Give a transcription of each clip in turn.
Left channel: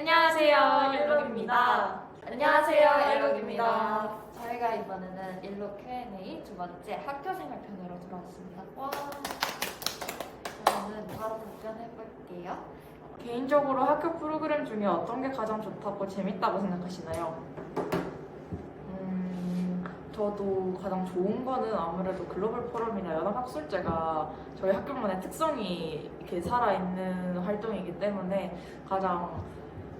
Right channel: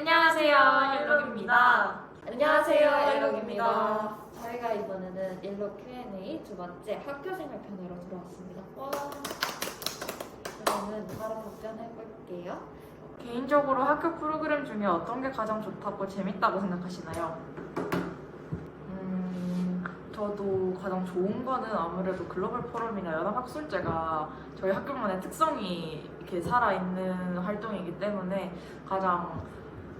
안녕하세요, 옐록입니다. 안녕하세요, 옐록입니다. 저희가 이번에는 옐록 Q&A 두 번째 학교생활 편으로 돌아왔습니다. 와. 그러면 바로 답변해볼게요. 개인적으로 학교 프로그램 중에 어떤 게 가장 좋다고 재밌다고 생각하시나요? 저도 가장 좋은 거는 아무래도 글로벌 포럼이나 연합학술제가 저희 학교만의 특성이 이렇게 살아있는 활동이기 때문에 가장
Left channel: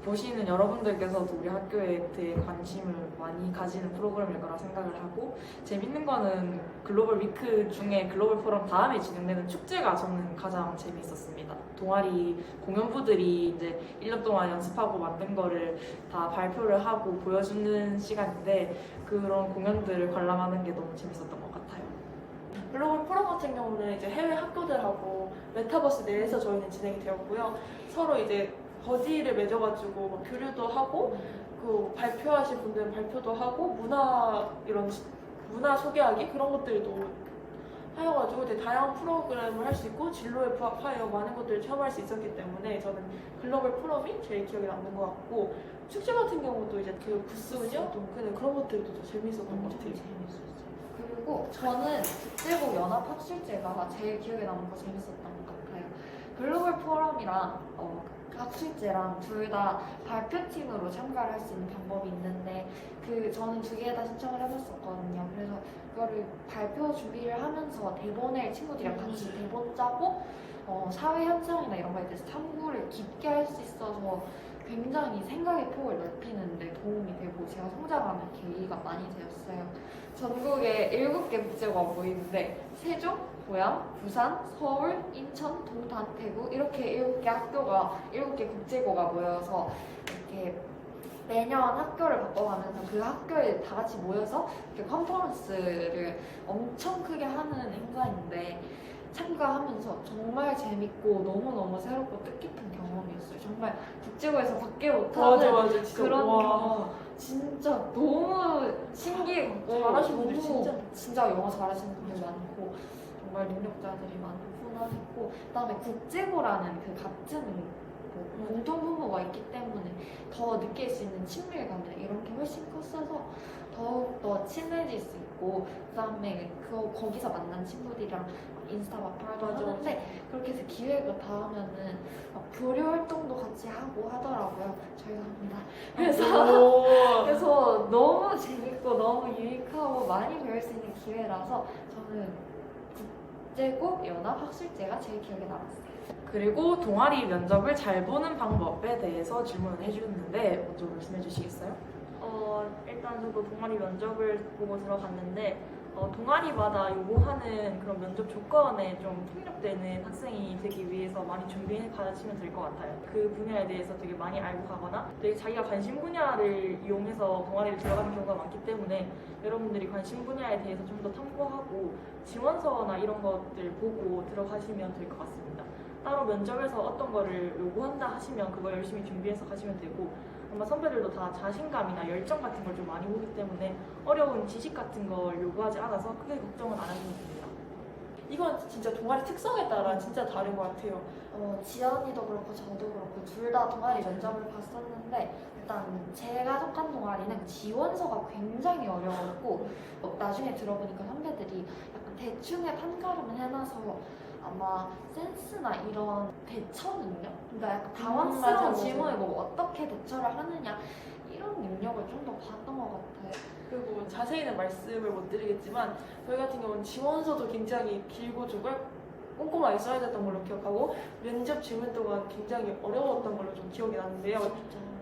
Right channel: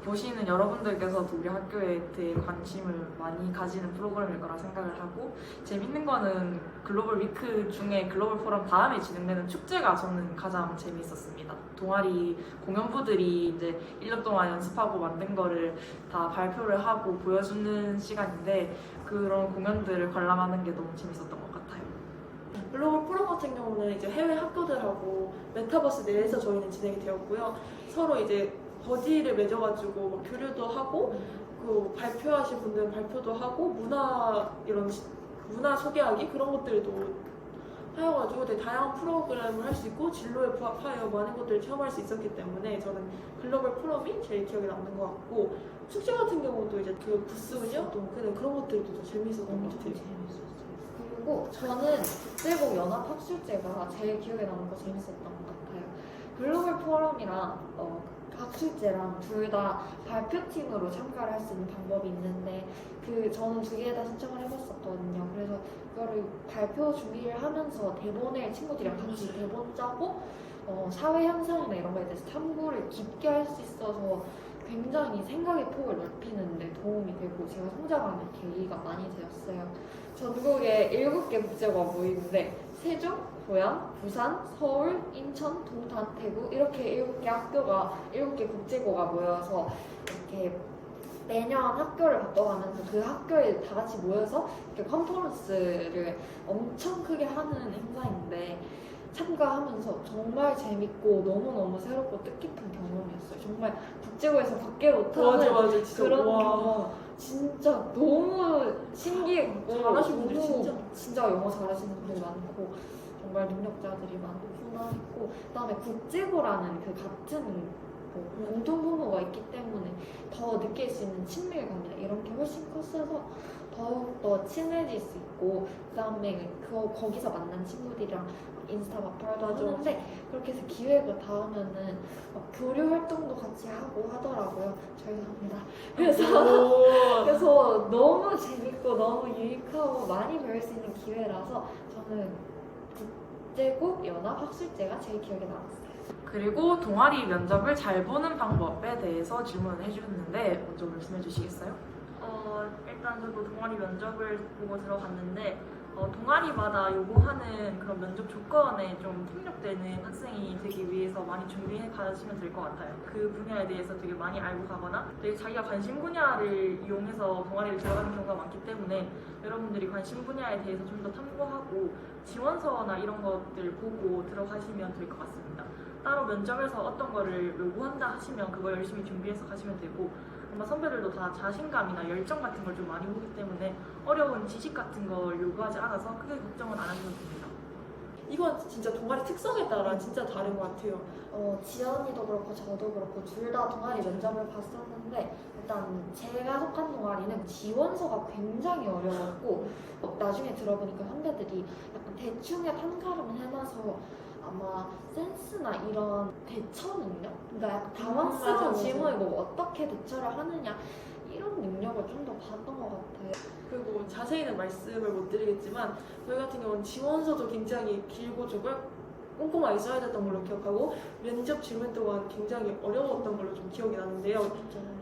보시는 여러분들께서도 우리 학교에 대해 관심을 많이 가지는 프로그램일 거라 생각을 하고, 재밌는 거는 글로벌 위크 중에 글로벌 포럼 다음에 진행되는 축제가 저는 가장 재미있었습니다. 동아리 공연부들이 이제 1년 동안 연습하고 만든 거를 다 발표를 하고 보여주는 시간인데, 그런 공연들을 관람하는 게 너무 재밌었던 것 같아요. 글로벌 포럼 같은 경우는 이제 해외 학교들하고 메타버스 내에서 저희는 진행이 되었고요. 서로 이제 버디를 맺어가지고 막 교류도 하고, 그 발표하신 분들은 발표도 하고, 문화 소개하기 그런 것들도 하여가지고 되게 다양한 프로그램을 할 수 있고 진로에 부합하여 많은 것들을 체험할 수 있었기 때문에 저는 글로벌 포럼이 제일 기억에 남는 것 같고, 축제 같은 경우도 이제 그 부스 운영 그런 것들도 더 재밌었던 것 같아요. 그리고 저는 국제고 연합학술제가 제일 기억에 남는 거 재밌었던 것 같아요. 글로벌 포럼이랑 학술제랑 둘 다 발표팀으로 참가를 할 수 있는 방법이 있는데, 저는 두 개 다 신청을 해봤었거든요. 그래서 그거를 발표 준비를 하면서 대본을 친구들이랑 같이 대본 짜고 사회 현상이나 이런 거에 대해서 탐구를 깊게 할 수 있어서 굉장히 생각의 폭을 넓히는 데 도움이 되고 제가 성장하는 계기가 많이 되었어요. 전국에 7개 국제고가 모이는데 세종, 고양, 부산, 서울, 인천, 동탄, 대구 이렇게 7개 국제고가 모여서 이렇게 매년 학교를 바꿔가면서 그 학교에 다 같이 모여서 이렇게 컨퍼런스를 엄청 크게 하는 행사인데, 참가하면서 정말 재밌고 너무너무 새롭고 뜻깊은 경험이었어요. 정말 국제고에서 밖에 못하는 맞아, 진짜. 그런 와. 경험 진짜 너무 신기했고, 잘하시는 분들 진짜 영어 잘하시는 분들 많고 정말 능력자들이 많구나 했고, 그다음에 국제고라는 그 같은 공통분모가 있기 때문에 더 느낄 수 있는 친밀감 이런 게 훨씬 컸어서 더욱더 친해질 수 있고, 그다음에 거기서 만난 친구들이랑 인스타 마플도 하는데, 그렇게 해서 기회가 닿으면은 막 교류 활동도 같이 하고 하더라고요. 저희도 합니다. 그래서 너무 재밌고 너무 유익하고 많이 배울 수 있는 기회라서 저는 국제고 연합학술제가 제일 기억에 남았어요. 그리고 동아리 면접을 잘 보는 방법에 대해서 질문을 해주셨는데 먼저 말씀해 주시겠어요? 일단 저도 동아리 면접을 보고 들어갔는데 동아리마다 요구하는 그런 면접 조건에 좀 통역되는 학생이 되기 위해서 많이 준비해 가시면 될 것 같아요. 그 분야에 대해서 되게 많이 알고 가거나 되게 자기가 관심 분야를 이용해서 동아리를 들어가는 경우가 많기 때문에 여러분들이 관심 분야에 대해서 좀 더 탐구하고 지원서나 이런 것들 보고 들어가시면 될 것 같습니다. 따로 면접에서 어떤 거를 요구한다 하시면 그걸 열심히 준비해서 가시면 되고, 아마 선배들도 다 자신감이나 열정 같은 걸 좀 많이 보기 때문에 어려운 지식 같은 걸 요구하지 않아서 크게 걱정은 안 하셔도 됩니다. 이건 진짜 동아리 특성에 따라 진짜 다른 것 같아요. 지연이도 그렇고 저도 그렇고 둘 다 동아리 면접을 봤었는데, 일단 제가 속한 동아리는 지원서가 굉장히 어려웠고, 나중에 들어보니까 선배들이 약간 대충의 판가름을 해놔서 아마 센스나 이런 대처 능력? 그러니까 약간 당황스러운 맞아. 질문에 뭐 어떻게 대처를 하느냐 이런 능력을 좀 더 봤던 것 같아요. 그리고 자세히는 말씀을 못 드리겠지만 저희 같은 경우는 지원서도 굉장히 길고 꼼꼼하게 써야 됐던 걸로 기억하고, 면접 질문 또한 굉장히 어려웠던 걸로 좀 기억이 나는데요.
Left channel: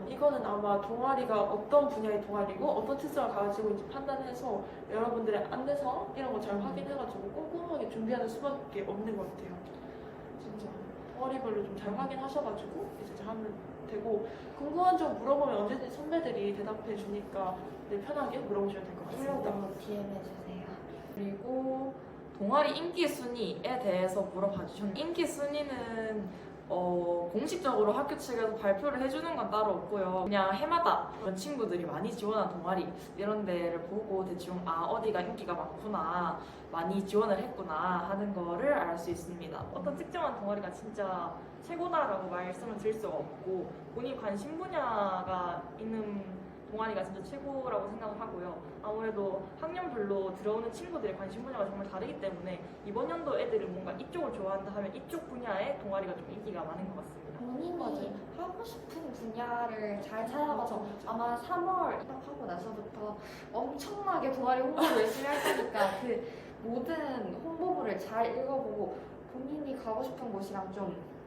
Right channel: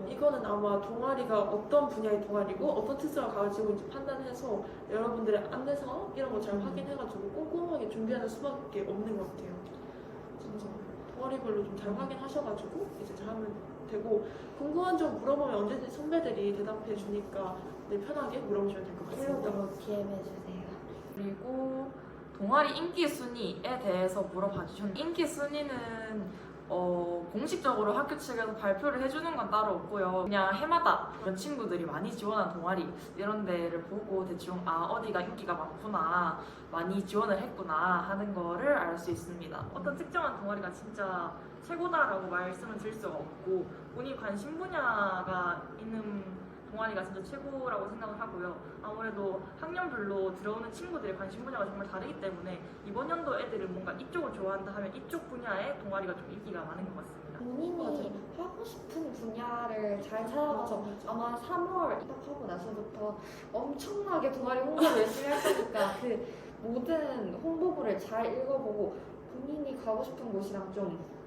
이거는 아마 동아리가 어떤 분야의 동아리고 어떤 특성을 가지고 있는지 판단해서 여러분들의 안내서 이런 거 잘 확인해가지고 꼼꼼하게 준비하는 수밖에 없는 것 같아요. 진짜 동아리별로 좀 잘 확인하셔가지고 이제 잘 하면 되고, 궁금한 점 물어보면 언제든지 선배들이 대답해 주니까 편하게 물어보시면 될 것 같습니다. 일로 DM 해주세요. 그리고 동아리 인기 순위에 대해서 물어봐 주셨는데, 인기 순위는 공식적으로 학교 측에서 발표를 해주는 건 따로 없고요. 그냥 해마다 그런 친구들이 많이 지원한 동아리 이런 데를 보고 대충 어디가 인기가 많구나, 많이 지원을 했구나 하는 거를 알 수 있습니다. 어떤 특정한 동아리가 진짜 최고다라고 말씀을 드릴 수가 없고 본인 관심 분야가 있는 동아리가 진짜 최고라고 생각을 하고요. 아무래도 학년별로 들어오는 친구들의 관심 분야가 정말 다르기 때문에 이번 연도 애들은 뭔가 이쪽을 좋아한다 하면 이쪽 분야의 동아리가 좀 인기가 많은 것 같습니다. 본인이 하고 싶은 분야를 잘 찾아가서 아마 3월 입학하고 나서부터 엄청나게 동아리 홍보를 열심히 할 거니까 그 모든 홍보물을 잘 읽어보고 본인이 가고 싶은 곳이랑 좀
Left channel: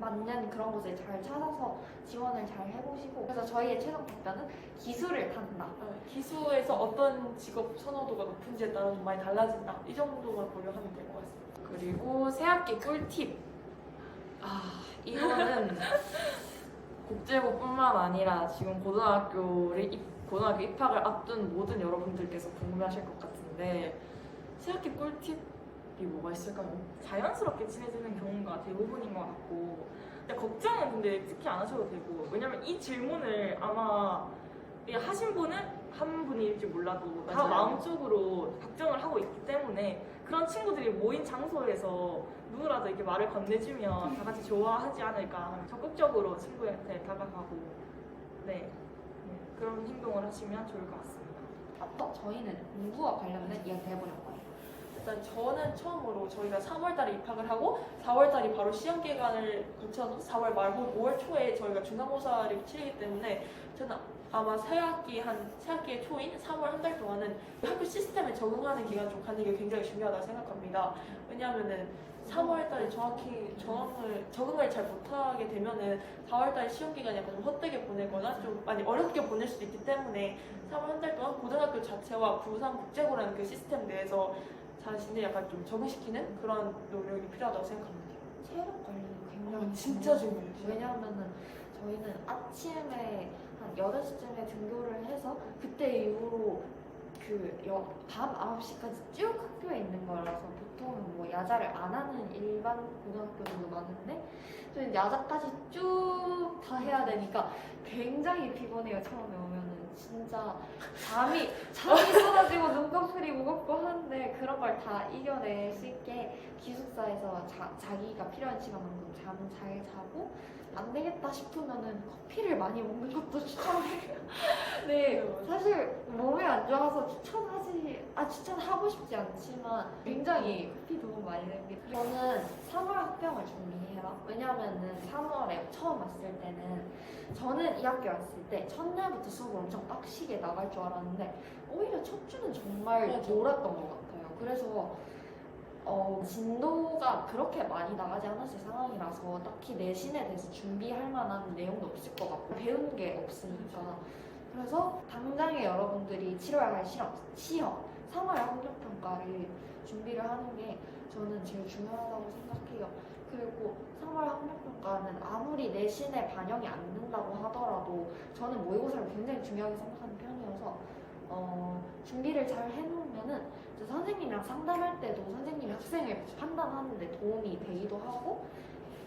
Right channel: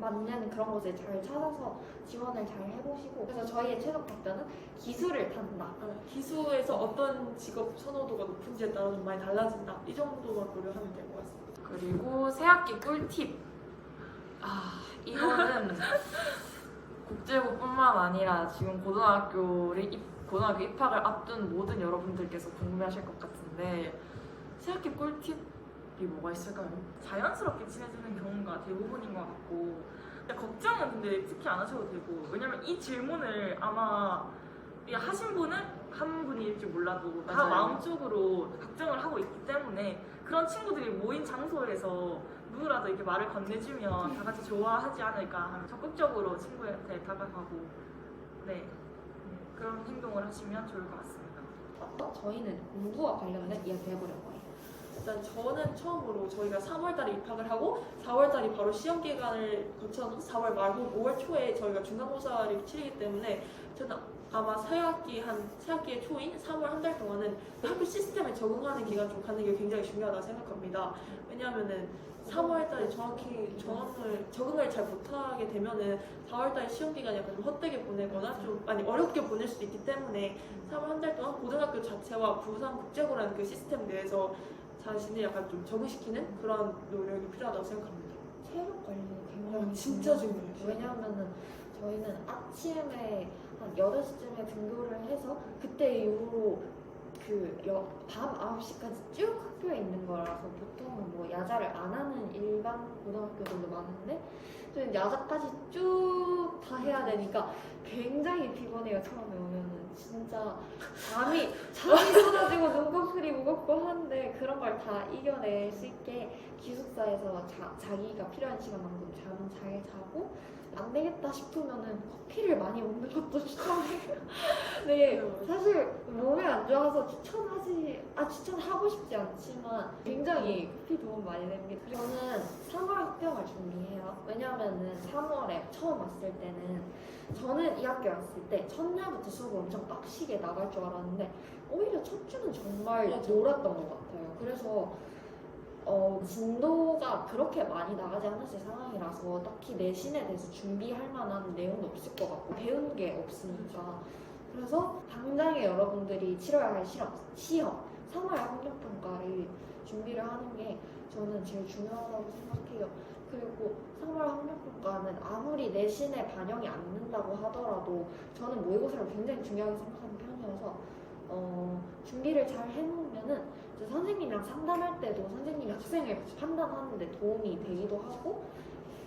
맞는 그런 곳을 잘 찾아서 지원을 잘 해보시고, 그래서 저희의 최종 답변은 기술을 탄다. 기수에서 어떤 직업 선호도가 높은지에 따라 좀 많이 달라진다. 이 정도만 고려하면 될 것 같습니다. 그리고 새학기 꿀팁. 이거는 국제고뿐만 아니라 지금 고등학교 입학을 앞둔 모든 여러분들께서 궁금해하실 것 같은데 새학기 꿀팁이 뭐가 있을까요? 자연스럽게 친해지는 경우가 대부분인 것 같고 근데 걱정은 근데 특히 안 하셔도 되고 왜냐면 이 질문을 아마 하신 분은 한 분일지 몰라도 다 맞아요. 마음속으로 걱정을 하고 있기 때문에 그런 친구들이 모인 장소에서 누구라도 이렇게 말을 건네주면 다 같이 좋아하지 않을까 하면 적극적으로 친구한테 다가가고 네 그런 행동을 하시면 좋을 것 같습니다. 저희는 공부와 관련된 이야기 해보려고 해요. 일단 저는 처음으로 저희가 3월달에 입학을 하고 4월달이 바로 시험 기간을 거쳐서 4월 말 혹은 5월 초에 저희가 중간고사를 치르기 때문에 저는 아마 새학기의 초인 3월 한 달 동안은 학교 시스템에 적응하는 기간 좀 갖는 게 굉장히 중요하다고 생각합니다. 왜냐하면은 3월달에 정확히 적응을 잘 못하게 되면은 4월달에 시험 기간이 약간 좀 헛되게 보내거나 좀 많이 어렵게 보낼 수도 있기 때문에 3월 한 달 동안 고등학교 자체와 부산국제고라는 그 시스템 내에서 자신을 약간 좀 적응시키는 그런 노력이 필요하다고 생각합니다. 체력 관리가 굉장히 진짜 중요해요. 중요해요. 왜냐하면은 저희는 아침에 한 8시쯤에 등교를 해서 그때 이후로 밤 9시까지 쭉 학교에 있는 거라서 보통은 뭐 야자를 안 하는 일반 고등학교들도 많은데 저희는 야자까지 쭉 다 해야 되니까 굉장히 피곤해요. 처음에 오면은 진짜 잠이 쏟아지고 눈꺼풀이 무겁고 하는데 그런 걸 다 이겨낼 수 있게 기숙사에서 자기가 필요한 시간만큼 잠 잘 자고 안 되겠다 싶으면은 커피를 많이 먹는 것도 추천해요. 네, 사실 몸에 안 좋아서 추천하고 싶지 않지만 굉장히 커피 도움 많이 됩니다. 저는 3월 합평을 준비해요. 왜냐면은 3월에 처음 왔을 때는 저는 이 학교 왔을 때 첫날부터 수업을 엄청 빡시게 나갈 줄 알았는데 오히려 첫 주는 정말 맞아. 놀았던 것 같아요. 그래서 진도가 그렇게 많이 나가지 않았을 상황이라서 딱히 내신에 대해서 준비할 만한 내용도 없을 것 같고 배운 게 없으니까 그래서 당장에 여러분들이 치러야 할 시험 3월 학력평가를 준비를 하는 게 저는 제일 중요하다고 생각해요. 그리고 3월 학력평가는 아무리 내신에 반영이 안 된다고 하더라도 저는 모의고사를 굉장히 중요하게 생각하는 편이어서 준비를 잘 해놓으면은 이제 선생님이랑 상담할 때도 선생님이 학생을 판단하는데 도움이 되기도 하고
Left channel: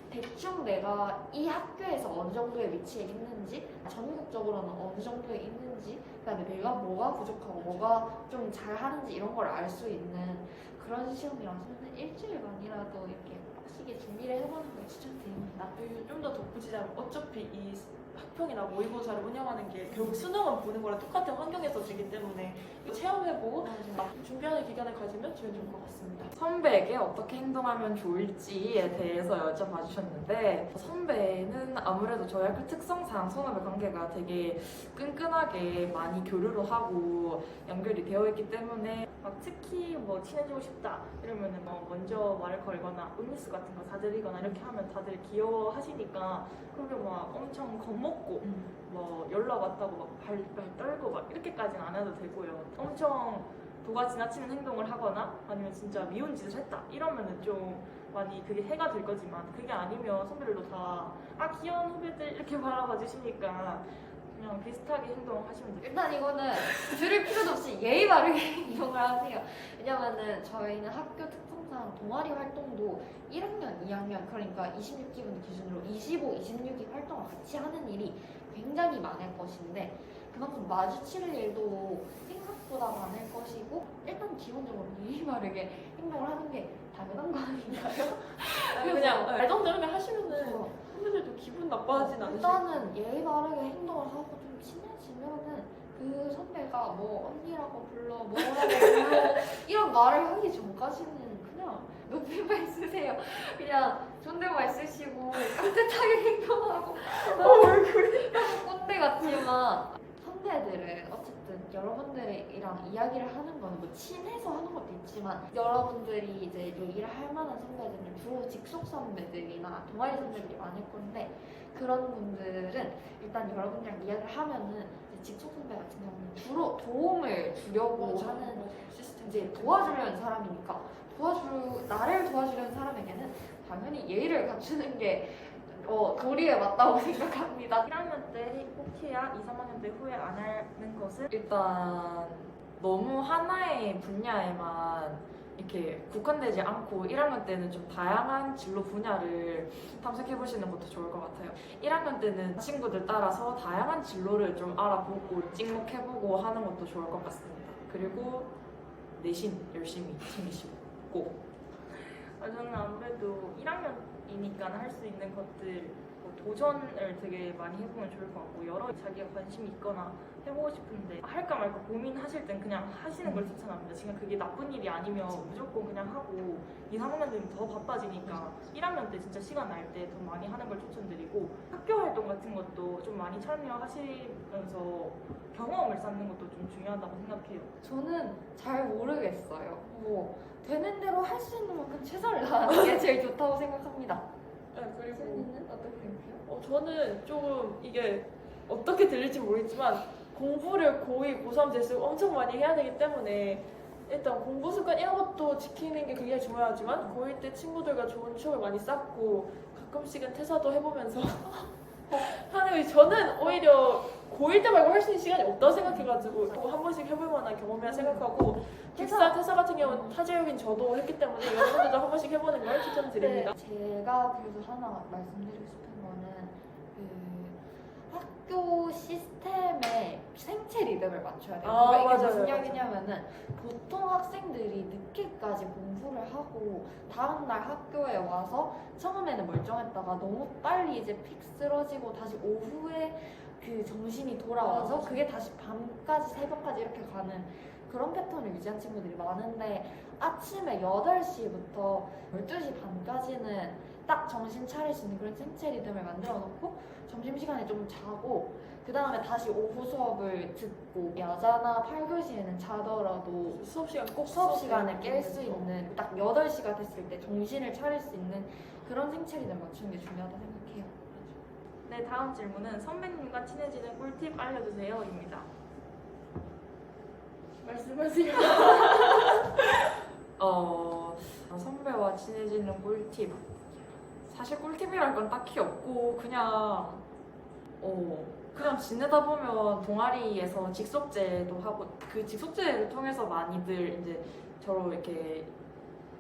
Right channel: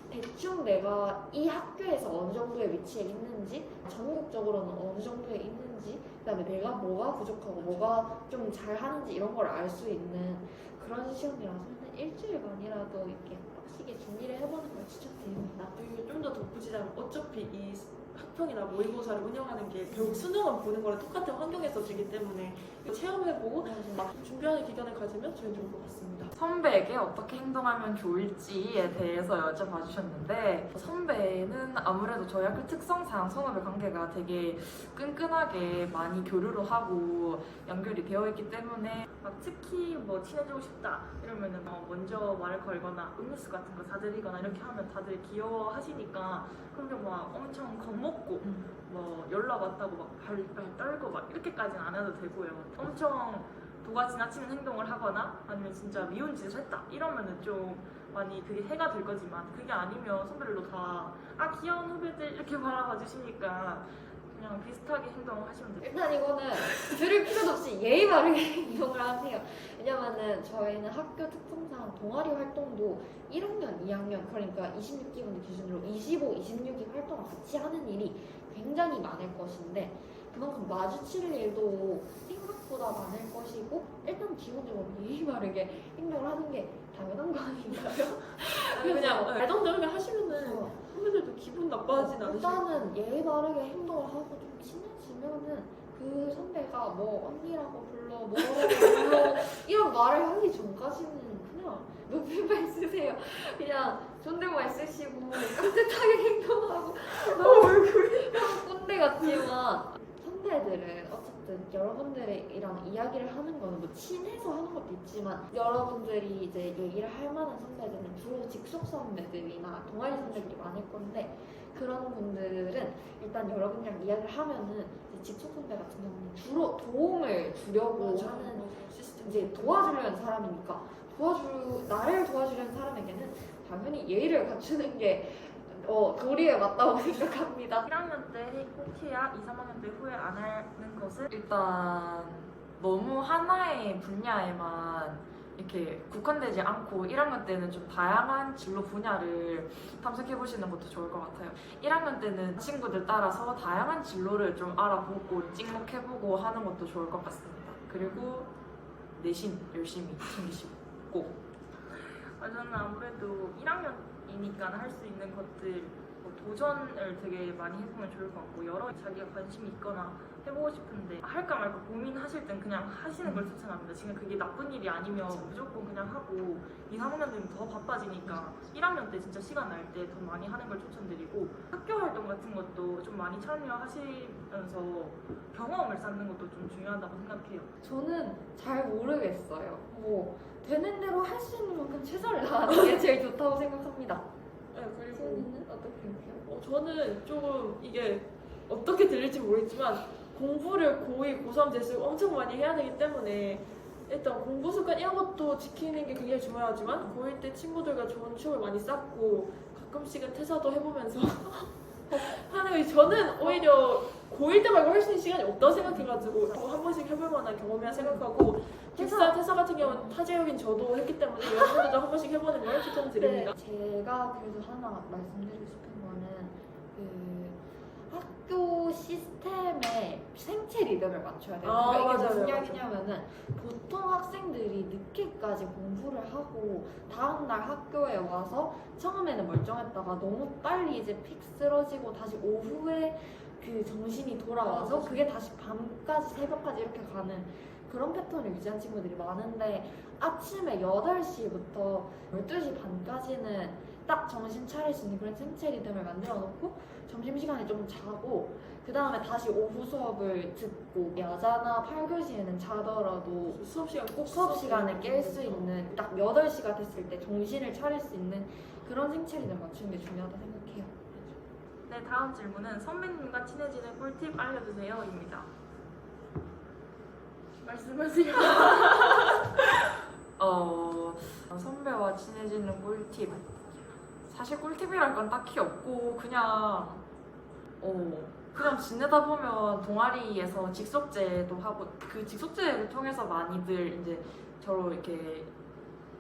대충 내가 이 학교에서 어느 정도의 위치에 있는지 전국적으로는 어느 정도에 있는지 그다음에 내가 뭐가 부족하고 뭐가 좀 잘하는지 이런 걸 알 수 있는 그런 시험이라서 저는 일주일만이라도 이렇게 빡시게 준비를 해보는 걸 추천드립니다. 좀 더 덧붙이자면 어차피 이 학평이나 모의고사를 운영하는 게 결국 수능을 보는 거랑 똑같은 환경에서 주기 때문에 체험해보고 막 준비하는 기간을 가지면 저는 좋을 것 같습니다. 선배에게 어떻게 행동하면 좋을지에 대해서 여쭤봐 주셨는데 선배는 아무래도 저희 학교 특성상 선후배 관계가 되게 끈끈하게 많이 교류를 하고 연결이 되어 있기 때문에 특히 뭐 친해지고 싶다 이러면은 먼저 말을 걸거나 음료수 같은 거 사드리거나 이렇게 하면 다들 귀여워하시니까 그렇게 막 엄청 겁먹고 뭐 연락 왔다고 막 발발 떨고 막 이렇게까지는 안 해도 되고요. 엄청 도가 지나치는 행동을 하거나 아니면 진짜 미운 짓을 했다 이러면은 좀 많이 그게 해가 될 거지만 그게 아니면 선배들도 다 귀여운 후배들 이렇게 바라봐 주시니까 그냥 비슷하게 행동하시면 돼요. 일단 이거는 들을 필요도 없이 예의 바르게 행동을 하세요. 왜냐면은 저희는 학교 특성상 동아리 활동도 1학년, 2학년 그러니까 26기분 기준으로 25, 26기 활동을 같이 하는 일이 굉장히 많을 것인데 그만큼 마주칠 일도 생각보다 많을 것이고 일단 기본적으로 예의 바르게 행동을 하는 게 당연한 거 아닌가요? 아니, 그냥 말도 되게 하시면은 어, 선배들도 기분 나빠하진 않으시고 일단은 예의 바르게 행동을 하고 좀 친해지면은 그 선배가 뭐 언니라고 불러 뭐라고 불러 이런 말을 하기 전까지는 그냥 높임말 쓰세요. 그냥 존댓말 쓰시고 깍듯하게 행동하고 얼굴이 꼰대 같지만 선배들은 어쨌든 여러분들이랑 이야기를 하는 거는 뭐 친해서 하는 것도 있지만 여러분들이 이제 얘기를 할 만한 선배들은 주로 직속 선배들이나 동아리 선배들이 많을 건데 그런 분들은 일단 여러분이랑 이야기를 하면은 이제 직속 선배 같은 경우는 주로 도움을 주려고 하는 시스템 이제 도와주려는 사람이니까 나를 도와주려는 사람에게는 당연히 예의를 갖추는 게 도리에 맞다고 생각합니다. 1학년 때 꼭 해야 2, 3학년 때 후회 안 하는 것은 일단 너무 하나의 분야에만 이렇게 국한되지 않고 1학년 때는 좀 다양한 진로 분야를 탐색해 보시는 것도 좋을 것 같아요. 1학년 때는 친구들 따라서 다양한 진로를 좀 알아보고 찍먹해보고 하는 것도 좋을 것 같습니다. 그리고 내신 열심히 챙기시고 꼭. 저는 아무래도 1학년이니까 할 수 있는 것들 뭐 도전을 되게 많이 해보면 좋을 것 같고 여러 자기가 관심이 있거나 해보고 싶은데 할까 말까 고민하실 땐 그냥 하시는 걸 추천합니다. 지금 그게 나쁜 일이 아니면 무조건 그냥 하고 2, 3학년 되면 더 바빠지니까 1학년 때 진짜 시간 날 때 더 많이 하는 걸 추천드리고 학교 활동 같은 것도 좀 많이 참여하시면서 경험을 쌓는 것도 좀 중요하다고 생각해요. 저는 잘 모르겠어요. 뭐 되는 대로 할 수 있는 만큼 최선을 다하는 게 제일 좋다고 생각합니다. 네, 그리고 세연이는 어떻게 생각해요? 저는 조금 이게 어떻게 들릴지 모르겠지만 공부를 고2, 고3 될수록 엄청 많이 해야 되기 때문에 일단 공부 습관 이런 것도 지키는 게 굉장히 중요하지만 고1 때 친구들과 좋은 추억을 많이 쌓고 가끔씩은 퇴사도 해보면서 하는 거 저는 오히려 고1 때 말고 할 수 있는 시간이 없다고 생각해가지고 한 번씩 해볼 만한 경험이라 생각하고 뒷살 퇴사 같은 경우는 타지역인 저도 했기 때문에 여러분들도 한 번씩 해보는 걸 추천드립니다. 제가 그래서 하나 말씀드리고 싶은 거는 그 학교 시스템에 생체 리듬을 맞춰야 돼요. 아, 그러니까 이게 맞아요, 무슨 맞아요. 이야기냐면은 보통 학생들이 늦게까지 공부를 하고 다음날 학교에 와서 처음에는 멀쩡했다가 너무 빨리 이제 픽 쓰러지고 다시 오후에 그 정신이 돌아와서 그게 다시 밤까지 새벽까지 이렇게 가는 그런 패턴을 유지한 친구들이 많은데 아침에 8시부터 12시 반까지는 딱 정신 차릴 수 있는 그런 생체 리듬을 만들어 놓고 점심시간에 좀 자고 그 다음에 다시 오후 수업을 듣고 야자나 8교시에는 자더라도 수업 시간 꼭 수업 시간에 깰 수 있는 딱 8시가 됐을 때 정신을 차릴 수 있는 그런 생체 리듬을 맞추는 게 중요하다고 생각해요. 네, 다음 질문은 선배님과 친해지는 꿀팁 알려주세요입니다. 말씀하세요. 선배와 친해지는 꿀팁. 사실 꿀팁이랄 건 딱히 없고 그냥 지내다 보면 동아리에서 직속제도 하고 그 직속제를 통해서 많이들 이제 서로 이렇게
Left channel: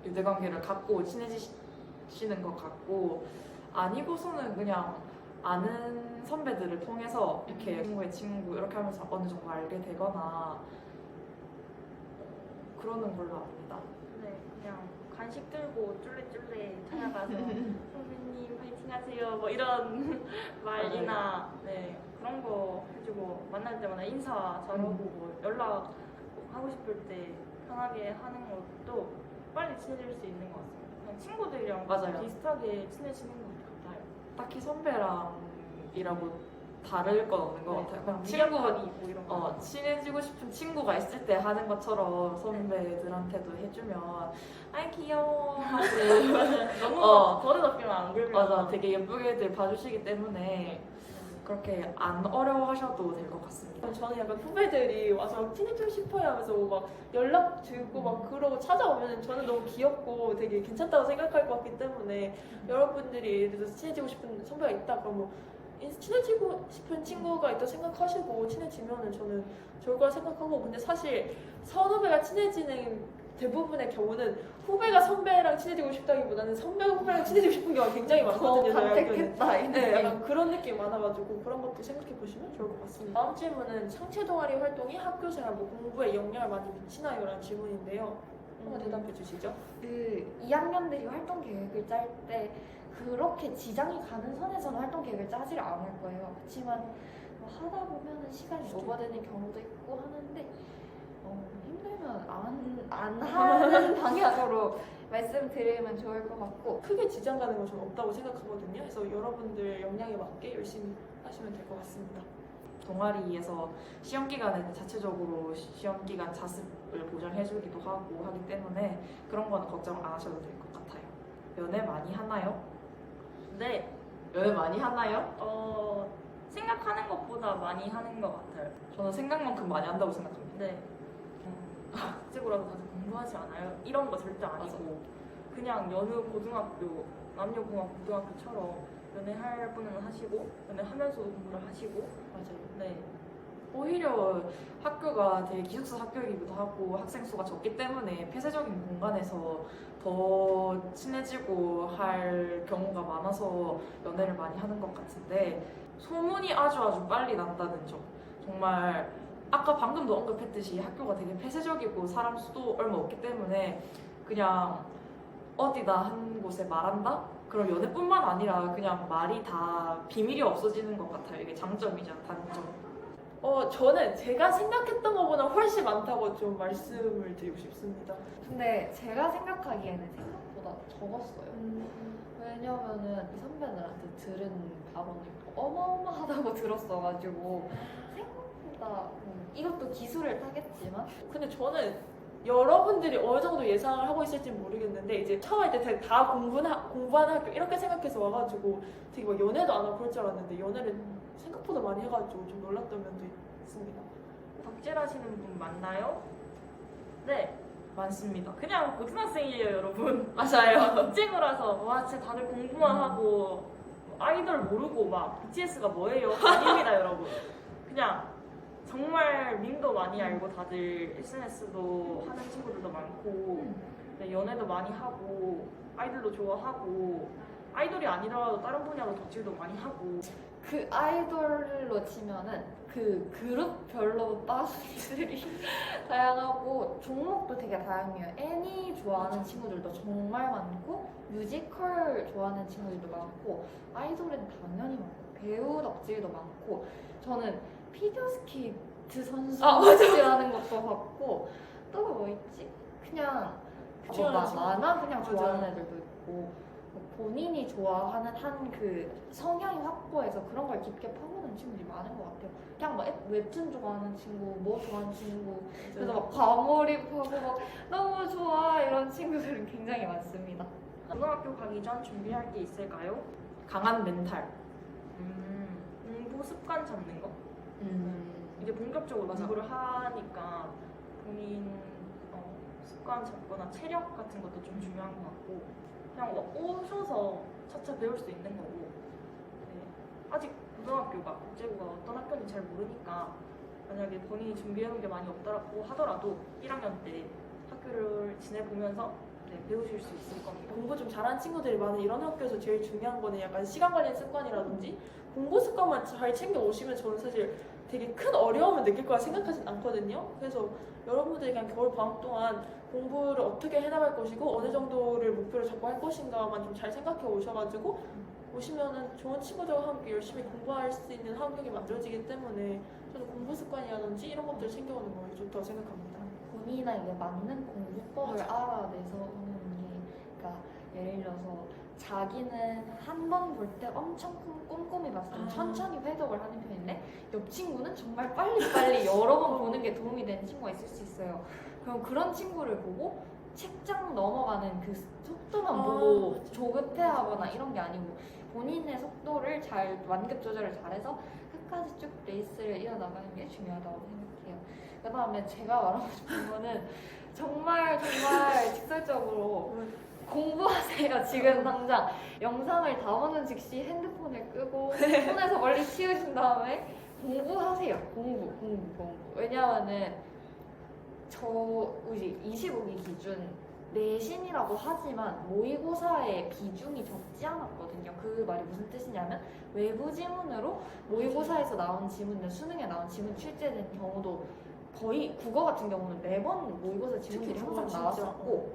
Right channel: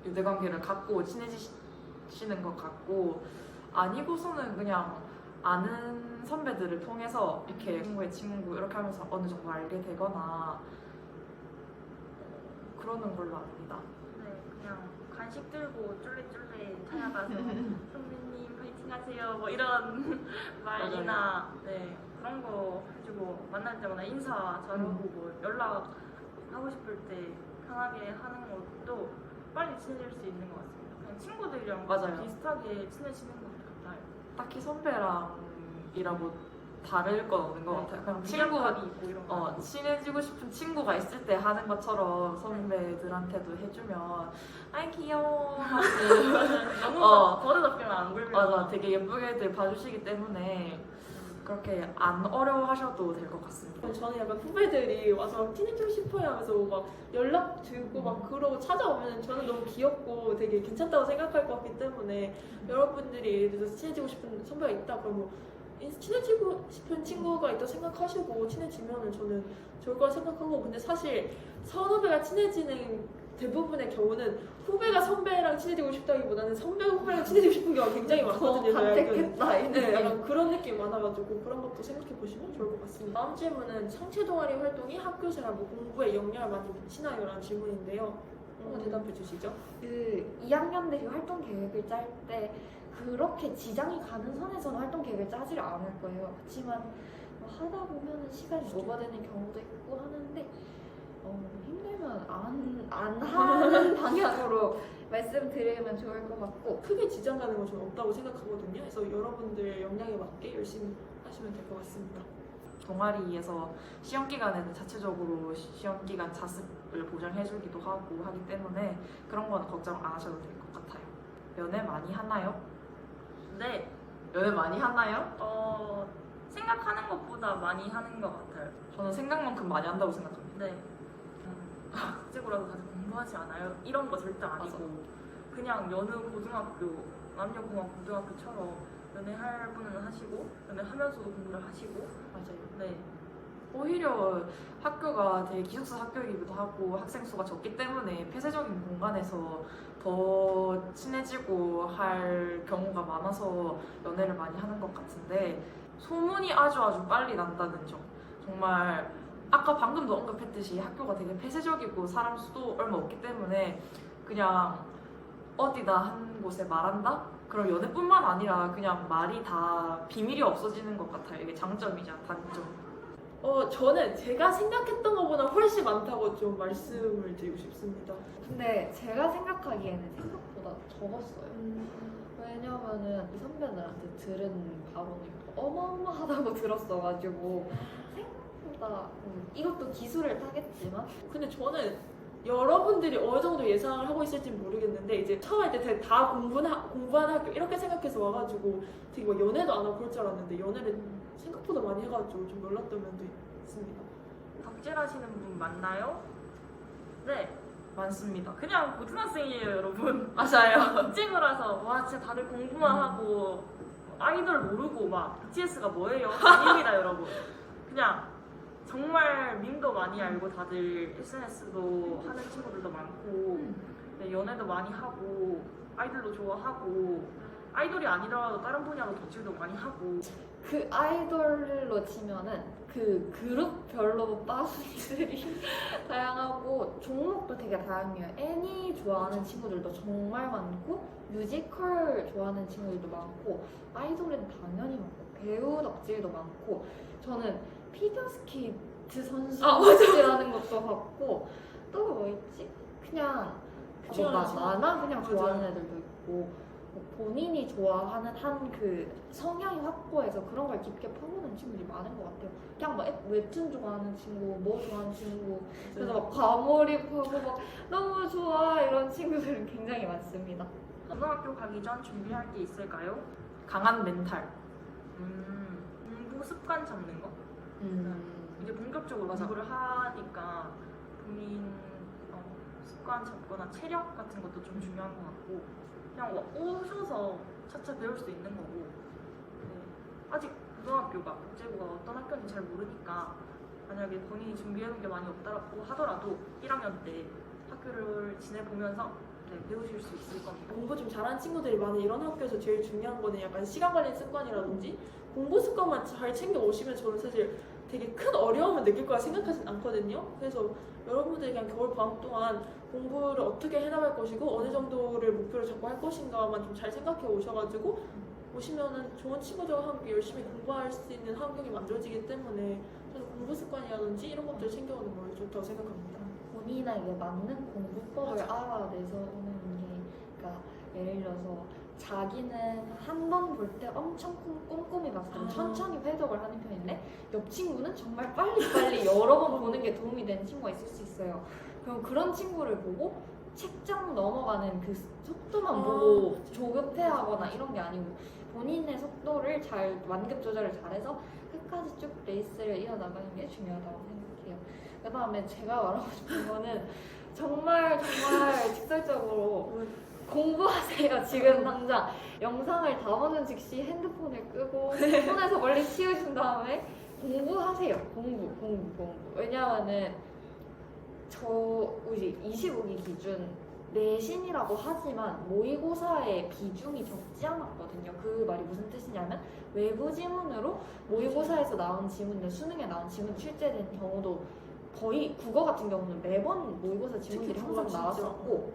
유대관계를 갖고 친해지시는 것 같고 아니고서는 그냥 아는 선배들을 통해서 이렇게 친구의 친구 이렇게 하면서 어느 정도 알게 되거나 그러는 걸로 압니다. 네, 그냥 간식 들고 쫄래쫄래 찾아가서 선배님 파이팅 하세요 뭐 이런 말이나 네, 그런 거 해주고 만날 때마다 인사 잘하고 뭐 연락 하고 싶을 때 편하게 하는 것도 빨리 친해질 수 있는 것 같습니다. 그냥 친구들이랑 맞아요. 비슷하게 친해지는 것 같아요. 딱히 선배랑이라고 다를 건 없는 것 네, 같아요. 그냥 미련하기 뭐 이런 거. 친해지고 싶은 친구가 있을 때 하는 것처럼 선배들한테도 해주면 아이 귀여워 하고 너무 버릇없게만 안 굴면 맞아 되게 예쁘게들 봐주시기 때문에 그렇게 안 어려워하셔도 될 것 같습니다. 저는 약간 후배들이 와서 친해지고 싶어요 하면서 막 연락 주고 막 그러고 찾아오면 저는 너무 귀엽고 되게 괜찮다고 생각할 것 같기 때문에 여러분들이 예를 들어서 친해지고 싶은 선배가 있다 그러면 친해지고 싶은 친구가 있다 생각하시고 친해지면은 저는 좋을 거라 생각하고, 근데 사실 선후배가 친해지는 대부분의 경우는 후배가 선배랑 친해지고 싶다기보다는 선배가 후배랑 친해지고 싶은 경우가 굉장히 많거든요. 더 저희 학교는. 간택했다 이 네, 느낌. 약간 그런 느낌이 많아가지고 그런 것도 생각해 보시면 좋을 것 같습니다. 다음 질문은 창체 동아리 활동이 학교 생활 공부에 영향을 많이 미치나요? 라는 질문인데요. 한번 대답해 주시죠. 그 2학년들이 활동 계획을 짤 때 그렇게 지장이 가는 선에서는 활동 계획을 짜지 않을 거예요. 그렇지만 뭐 하다 보면은 시간이 오버되는 경우도 있고 하는데 힘들면 안 하는 방향으로 말씀드리면 좋을 것 같고, 크게 지장 가는 건 저는 없다고 생각하거든요. 그래서 여러분들 역량에 맞게 열심히 하시면 될 것 같습니다. 동아리에서 시험 기간에는 자체적으로 시험 기간 자습을 보장해주기도 하고 하기 때문에 그런 건 걱정 안 하셔도 될 것 같아요. 연애 많이 하나요? 네, 연애 많이 하나요? 생각하는 것보다 많이 하는 것 같아요. 저는 생각만큼 많이 한다고 생각합니다. 네. 국제고라도 다들 공부하지 않아요? 이런 거 절대 아니고 그냥 여느 고등학교, 남녀공학 고등학교처럼 연애할 분은 하시고 연애하면서도 공부를 하시고 맞아요. 네. 오히려 학교가 되게 기숙사 학교이기도 하고 학생 수가 적기 때문에 폐쇄적인 공간에서 더 친해지고 할 경우가 많아서 연애를 많이 하는 것 같은데, 소문이 아주 빨리 난다는 점. 정말 아까 방금도 언급했듯이 학교가 되게 폐쇄적이고 사람 수도 얼마 없기 때문에 그냥 어디다 한 곳에 말한다? 그럼 연애뿐만 아니라 그냥 말이 다 비밀이 없어지는 것 같아요. 이게 장점이자 단점. 저는 제가 생각했던 것보다 훨씬 많다고 좀 말씀을 드리고 싶습니다. 근데 제가 생각하기에는 생각보다 적었어요. 왜냐면은 이 선배들한테 들은 바로는 어마어마하다고 들었어가지고 생각보다 이것도 기술을 타겠지만 근데 저는 여러분들이 어느 정도 예상을 하고 있을지 모르겠는데, 이제 처음 할 때 다 공부하는 학교 이렇게 생각해서 와가지고 되게 막 연애도 안 하고 그럴 줄 알았는데 연애를 생각보다 많이 해가지고 좀 놀랐던 면도 있습니다. 덕질하시는 분 맞나요? 네, 많습니다. 그냥 고등학생이에요, 여러분. 맞아요. 국제고라서 와 진짜 다들 공부만 하고 아이돌 모르고 막 BTS가 뭐예요? 아닙니다, 여러분. 그냥 정말 밈도 많이 알고 다들 SNS도 하는 친구들도 많고 네, 연애도 많이 하고 아이돌도 좋아하고 아이돌이 아니더라도 다른 분야로 덕질도 많이 하고 그 아이돌로 치면은 그 그룹별로 빠순들이 다양하고 종목도 되게 다양해요. 애니 좋아하는 친구들도 정말 많고 뮤지컬 좋아하는 친구들도 많고 아이돌은 당연히 많고 배우 덕질도 많고, 저는 피겨스케이트 선수 덕질하는 것도 봤고, 또 뭐 있지? 그냥 뭐 만화 그냥 맞아요. 좋아하는 애들도 있고, 뭐 본인이 좋아하는 한 그 성향이 확고해서 그런 걸 깊게 파고드는 친구들이 많은 것 같아요. 그냥 뭐 웹툰 좋아하는 친구, 뭐 좋아하는 친구, 그래서 막 과몰입하고 막 너무 좋아 이런 친구들은 굉장히 많습니다. 고등학교 가기 전 준비할 게 있을까요? 강한 멘탈. 공부 습관 잡는 거? 이제 본격적으로 맞아. 공부를 하니까 본인 습관 잡거나 체력 같은 것도 좀 중요한 것 같고 그냥 오셔서 차차 배울 수 있는 거고 네. 아직 고등학교가 국제고가 어떤 학교인지 잘 모르니까 만약에 본인이 준비해놓은 게 많이 없다고 하더라도 1학년 때 학교를 지내보면서 네, 배우실 수 있을 겁니다. 공부 좀 잘하는 친구들이 많은 이런 학교에서 제일 중요한 거는 약간 시간 관리 습관이라든지 공부 습관만 잘 챙겨 오시면 저는 사실 되게 큰 어려움을 느낄 거라 생각하진 않거든요. 그래서 여러분들이 그냥 겨울 방학 동안 공부를 어떻게 해나갈 것이고 어느 정도를 목표를 잡고 할 것인가만 좀 잘 생각해 오셔가지고 오시면은 좋은 친구들과 함께 열심히 공부할 수 있는 환경이 만들어지기 때문에 저는 공부 습관이라든지 이런 것들을 챙겨오는 걸 좋다고 생각합니다. 본인에게 맞는 공부법을 알아내서 오는 게, 그러니까 예를 들어서 자기는 한 번 볼 때 엄청 꼼꼼히 봤을 때 천천히 회독을 하는 편인데 옆 친구는 정말 빨리빨리 여러 번 보는 게 도움이 되는 친구가 있을 수 있어요. 그럼 그런 친구를 보고 책장 넘어가는 그 속도만 보고 조급해하거나 이런 게 아니고 본인의 속도를 잘 완급 조절을 잘해서 끝까지 쭉 레이스를 이어나가는 게 중요하다고 생각해요. 그 다음에 제가 말하고 싶은 거는 정말 직설적으로 공부하세요. 지금 당장 영상을 다 보는 즉시 핸드폰을 끄고 손에서 멀리 치우신 다음에 공부하세요. 공부. 왜냐면은 우리 25기 기준 내신이라고 하지만 모의고사의 비중이 적지 않았거든요. 그 말이 무슨 뜻이냐면 외부 지문으로 모의고사에서 나온 지문을 수능에 나온 지문 출제된 경우도 거의 국어 같은 경우는 매번 모의고사 지문들이 특히 항상 국어 진짜. 나왔었고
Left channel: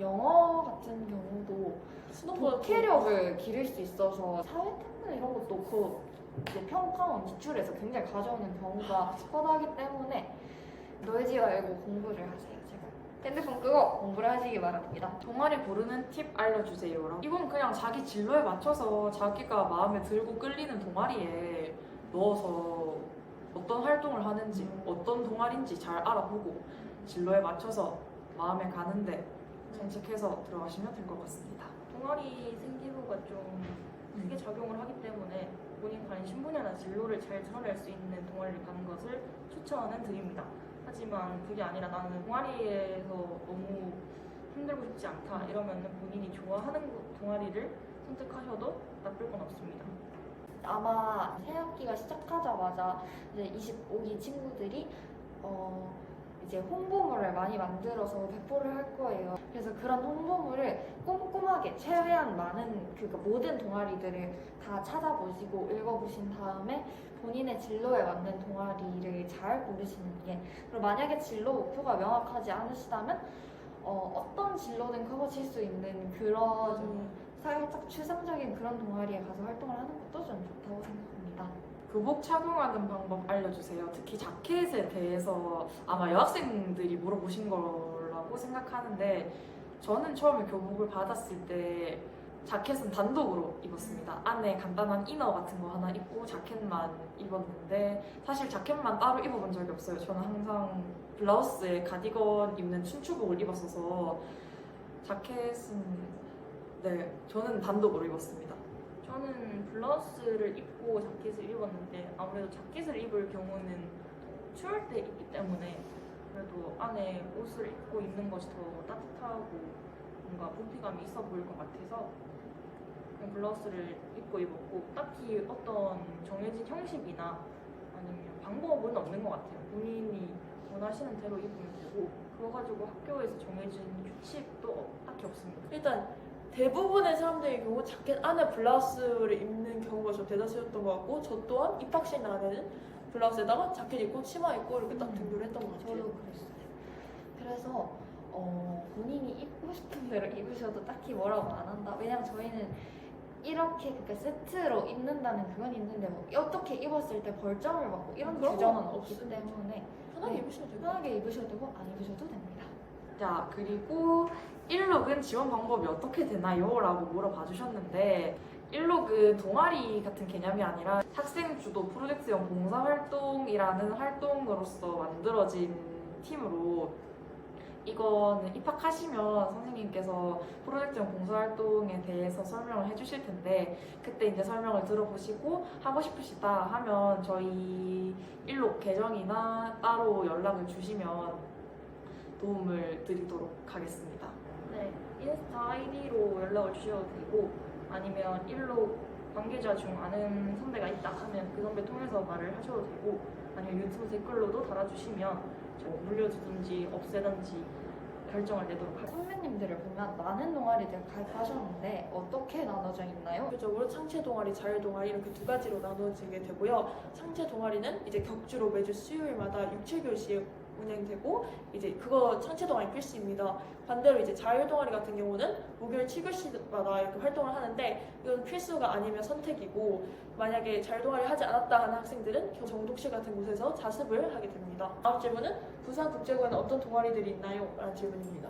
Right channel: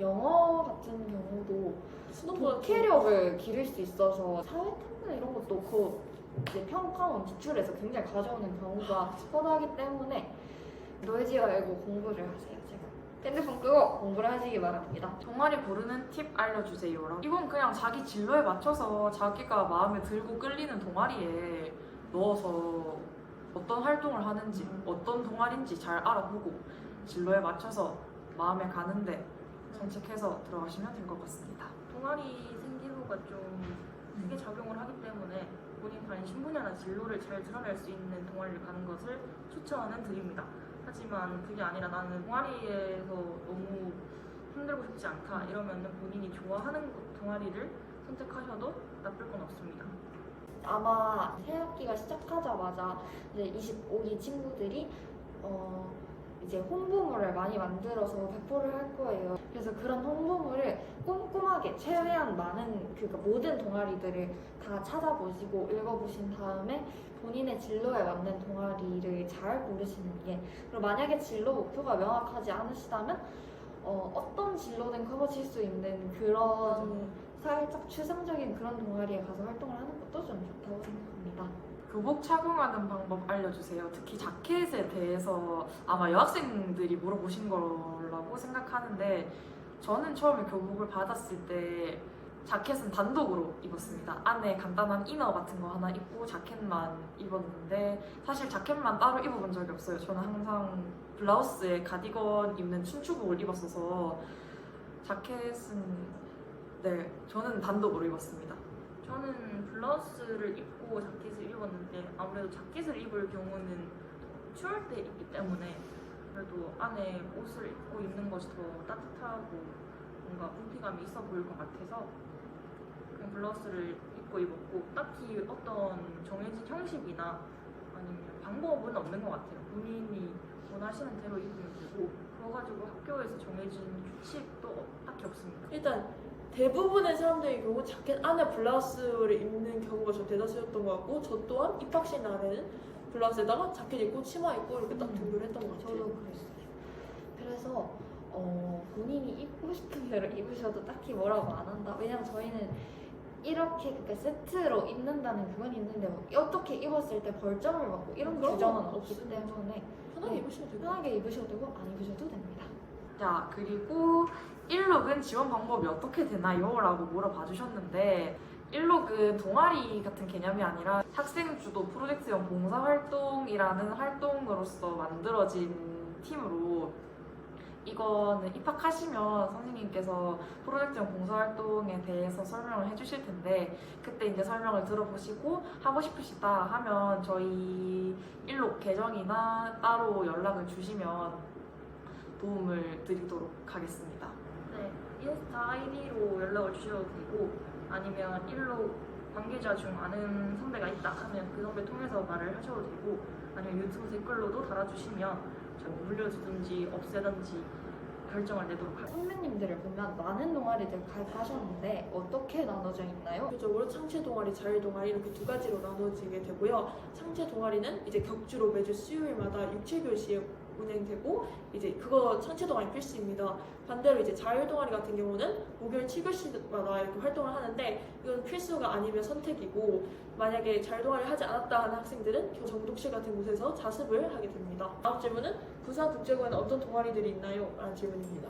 영어 같은 경우도 수능보다 독해력을 기를 수 있어서 사회탐구 이런 것도 그 평가원 기출에서 굉장히 가져오는 경우가 뻔하기 때문에 놀지 말고 공부를 하세요. 제발 핸드폰 끄고 공부를 하시기 바랍니다. 동아리 고르는 팁 알려주세요. 이건 그냥 자기 진로에 맞춰서 자기가 마음에 들고 끌리는 동아리에 넣어서 어떤 활동을 하는지 어떤 동아리인지 잘 알아보고 진로에 맞춰서 마음에 가는데 선택해서 들어가시면 될 것 같습니다. 동아리 생기부가 좀 크게 작용을 하기 때문에 본인 관심 분야나 진로를 잘 드러낼 수 있는 동아리를 가는 것을 추천은 드립니다. 하지만 그게 아니라 나는 동아리에서 너무 힘들고 싶지 않다 이러면 본인이 좋아하는 동아리를 선택하셔도 나쁠 건 없습니다. 아마 새 학기가 시작하자마자 이제 25기 친구들이 이제 홍보물을 많이 만들어서 배포를 할 거예요. 그래서 그런 홍보물을 꼼꼼하게 최대한 많은 그러니까 모든 동아리들을 다 찾아보시고 읽어보신 다음에 본인의 진로에 맞는 동아리를 잘 고르시는 게 그리고 만약에 진로 목표가 명확하지 않으시다면 어떤 진로든 커버칠 수 있는 그런 살짝 추상적인 그런 동아리에 가서 활동을 하는 것도 좀 좋다고 생각합니다. 교복 착용하는 방법 알려주세요. 특히 자켓에 대해서 아마 여학생들이 물어보신 거라고 생각하는데 저는 처음에 교복을 받았을 때 자켓은 단독으로 입었습니다. 안에 간단한 이너 같은 거 하나 입고 자켓만 입었는데 사실 자켓만 따로 입어본 적이 없어요. 저는 항상 블라우스에 가디건 입는 춘추복을 입었어서 자켓은 저는 단독으로 입었습니다. 저는 블라우스를 입고 자켓을 입었는데 아무래도 자켓을 입을 경우는 추울 때 입기 때문에 그래도 안에 옷을 입고 입는 것이 더 따뜻하고 뭔가 부피감이 있어 보일 것 같아서 그냥 블라우스를 입고 입었고 딱히 어떤 정해진 형식이나 아니면 방법은 없는 것 같아요. 본인이 원하시는 대로 입으면 되고 그거 가지고 학교에서 정해진 규칙도 딱히 없습니다. 일단 대부분의 사람들의 경우 자켓 안에 블라우스를 입는 경우가 좀 대다수였던 것 같고 저 또한 입학식 날에는 블라우스에다가 자켓 입고 치마 입고 이렇게 딱 등교를 했던 것 같아요. 저도 그랬어요. 그래서 본인이 입고 싶은 대로 입으셔도 딱히 뭐라고 안 한다. 왜냐면 저희는 이렇게 그러니까 세트로 입는다는 그건 있는데 뭐 어떻게 입었을 때 벌점을 받고 이런 그런 규정은 건 없기 없습니다. 때문에 편하게 입으시면 돼요. 편하게 입으셔도 되고 안 입으셔도 됩니다. 자, 그리고 1록은 지원 방법이 어떻게 되나요? 라고 물어봐 주셨는데 1록은 동아리 같은 개념이 아니라 학생 주도 프로젝트형 봉사활동이라는 활동으로서 만들어진 팀으로 이거는 입학하시면 선생님께서 프로젝트형 봉사활동에 대해서 설명을 해주실 텐데 그때 이제 설명을 들어보시고 하고 싶으시다 하면 저희 1록 계정이나 따로 연락을 주시면 도움을 드리도록 하겠습니다. 네, 인스타 아이디로 연락을 주셔도 되고 아니면 일로 관계자 중 아는 선배가 있다 하면 그 선배 통해서 말을 하셔도 되고 아니면 유튜브 댓글로도 달아주시면 제가 물려주든지 없애든지 결정을 내도록 할게요. 선배님들을 보면 많은 동아리들 가입하셨는데 어떻게 나눠져 있나요? 대표적으로 창체 동아리, 자율 동아리 이렇게 두 가지로 나눠지게 되고요. 창체 동아리는 이제 격주로 매주 수요일마다 육체교시에 운행되고 이제 그거 창체 동아리 필수입니다. 반대로 이제 자율 동아리 같은 경우는 목요일 7교시마다 이렇게 활동을 하는데 이건 필수가 아니면 선택이고 만약에 자율 동아리 하지 않았다 하는 학생들은 정독실 같은 곳에서 자습을 하게 됩니다. 다음 질문은 부산국제고에는 어떤 동아리들이 있나요? 라는 질문입니다.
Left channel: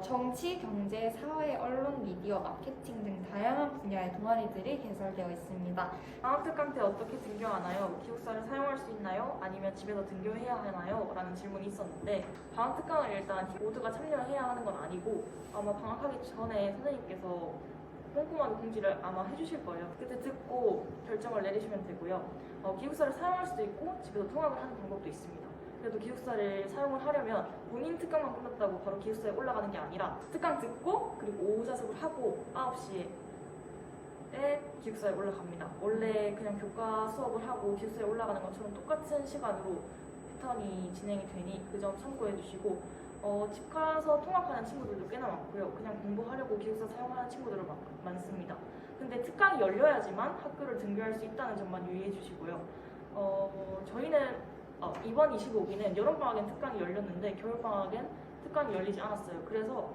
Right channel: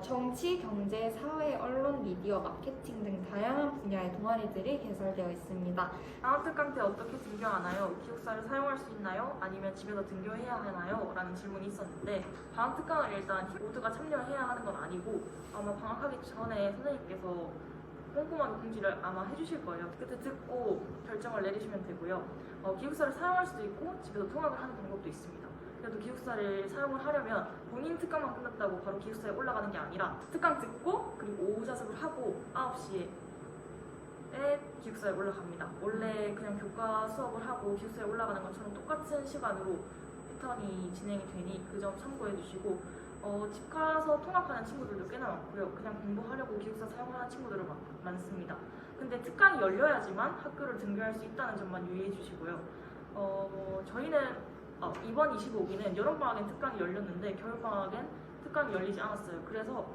정치, 경제, 사회, 언론, 미디어, 마케팅 등 다양한 분야의 동아리들이 개설되어 있습니다. 방학특강 때 어떻게 등교하나요? 기숙사를 사용할 수 있나요? 아니면 집에서 등교해야 하나요? 라는 질문이 있었는데 방학특강을 일단 모두가 참여해야 하는 건 아니고 아마 방학하기 전에 선생님께서 꼼꼼한 공지를 아마 해주실 거예요. 그때 듣고 결정을 내리시면 되고요. 기숙사를 사용할 수도 있고 집에서 통학을 하는 방법도 있습니다. 그래도 기숙사를 사용을 하려면 본인 특강만 끝났다고 바로 기숙사에 올라가는 게 아니라 특강 듣고 그리고 오후 자습을 하고 9시에 기숙사에 올라갑니다. 원래 그냥 교과 수업을 하고 기숙사에 올라가는 것처럼 똑같은 시간으로 패턴이 진행이 되니 그 점 참고해 주시고 집 가서 통학하는 친구들도 꽤나 많고요. 그냥 공부하려고 기숙사 사용하는 친구들도 많습니다. 근데 특강이 열려야지만 학교를 등교할 수 있다는 점만 유의해 주시고요. 저희는 이번 25기는 여름방학엔 특강이 열렸는데 겨울방학엔 특강이 열리지 않았어요. 그래서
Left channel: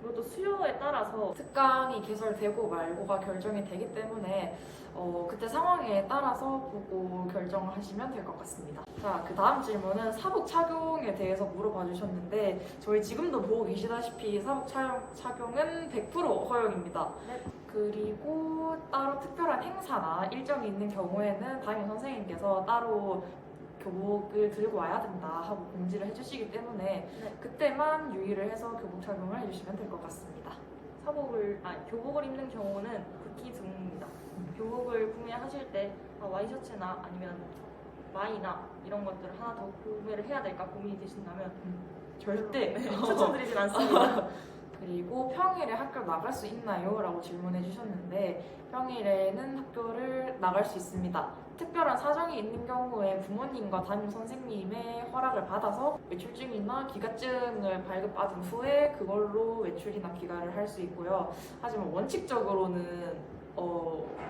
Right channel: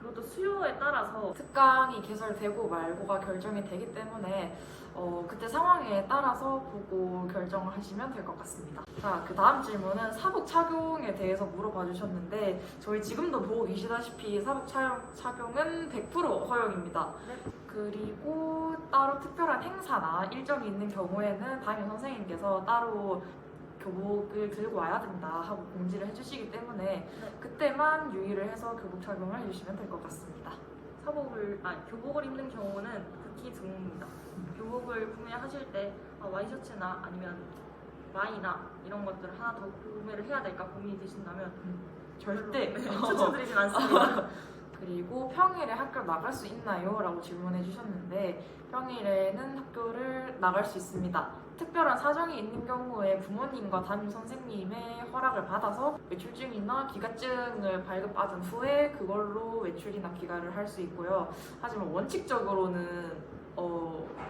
그것도 수요에 따라서 특강이 개설되고 말고가 결정이 되기 때문에 그때 상황에 따라서 보고 결정하시면 될 것 같습니다. 자, 그 다음 질문은 사복 착용에 대해서 물어봐 주셨는데 저희 지금도 보고 계시다시피 사복 착용은 100% 허용입니다. 네. 그리고 따로 특별한 행사나 일정이 있는 경우에는 담임 선생님께서 따로 교복을 들고 와야 된다 하고 공지를 해주시기 때문에 네. 그때만 유의를 해서 교복 착용을 해주시면 될 것 같습니다. 교복을 입는 경우는 극히 드뭅니다. 교복을 구매하실 때 와이셔츠나 아니면 마이나 이런 것들을 하나 더 구매를 해야 될까 고민이 되신다면 절대 추천드리진 않습니다. 그리고 평일에 학교 나갈 수 있나요? 라고 질문해 주셨는데 평일에는 학교를 나갈 수 있습니다. 특별한 사정이 있는 경우에 부모님과 담임 선생님의 허락을 받아서 외출증이나 기가증을 발급받은 후에 그걸로 외출이나 귀가를 할 수 있고요. 하지만 원칙적으로는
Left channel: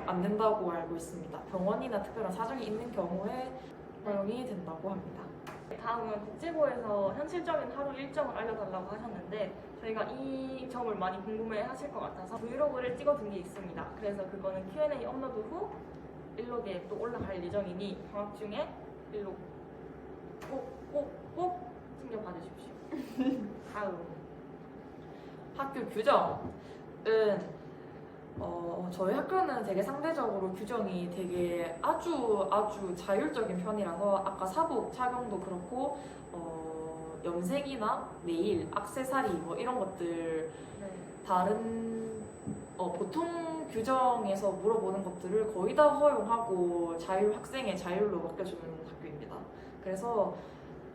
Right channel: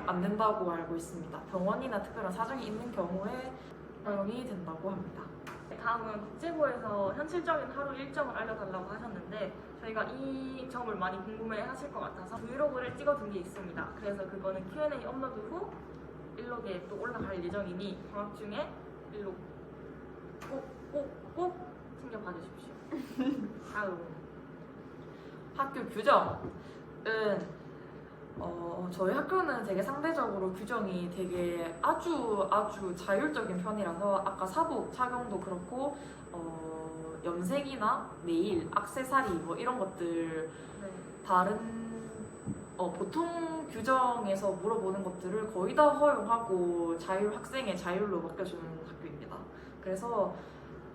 안 된다고 알고 있습니다. 병원이나 특별한 사정이 있는 경우에 허용이 된다고 합니다. 다음은 국제고에서 현실적인 하루 일정을 알려달라고 하셨는데 저희가 이 점을 많이 궁금해 하실 것 같아서 브이로그를 찍어둔 게 있습니다. 그래서 그거는 Q&A 업로드 후 일록에 또 올라갈 예정이니 방학 중에 일록 꼭 챙겨봐 주십시오. 다음 학교 규정은 저희 학교는 되게 상대적으로 규정이 되게 아주 자율적인 편이라서 아까 사복 착용도 그렇고 염색이나 네일, 액세서리 뭐 이런 것들 네. 다른 보통 규정에서 물어보는 것들을 거의 다 허용하고 학생의 자율로 맡겨주는 학교입니다. 그래서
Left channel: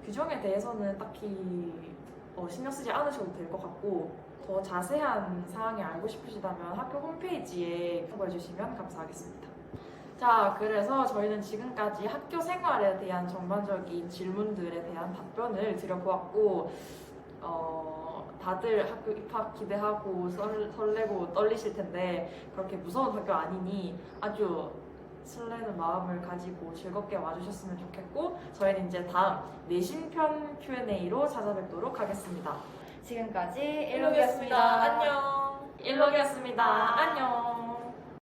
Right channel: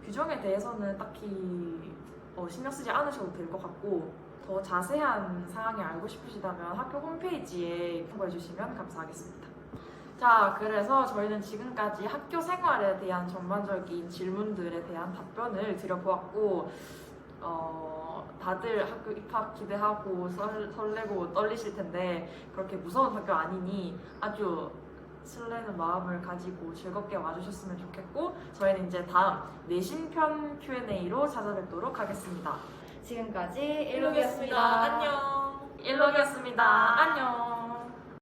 규정에 대해서는 딱히 신경 쓰지 않으셔도 될 것 같고 더 자세한 사항이 알고 싶으시다면 학교 홈페이지에 참고해 주시면 감사하겠습니다. 자, 그래서 저희는 지금까지 학교 생활에 대한 전반적인 질문들에 대한 답변을 드려보았고 다들 학교 입학 기대하고 설레고 떨리실 텐데 그렇게 무서운 학교 아니니 아주 설레는 마음을 가지고 즐겁게 와주셨으면 좋겠고 저희는 이제 다음 내신편 Q&A로 찾아뵙도록 하겠습니다. 지금까지 일록이었습니다. 안녕. 일록이었습니다. 안녕.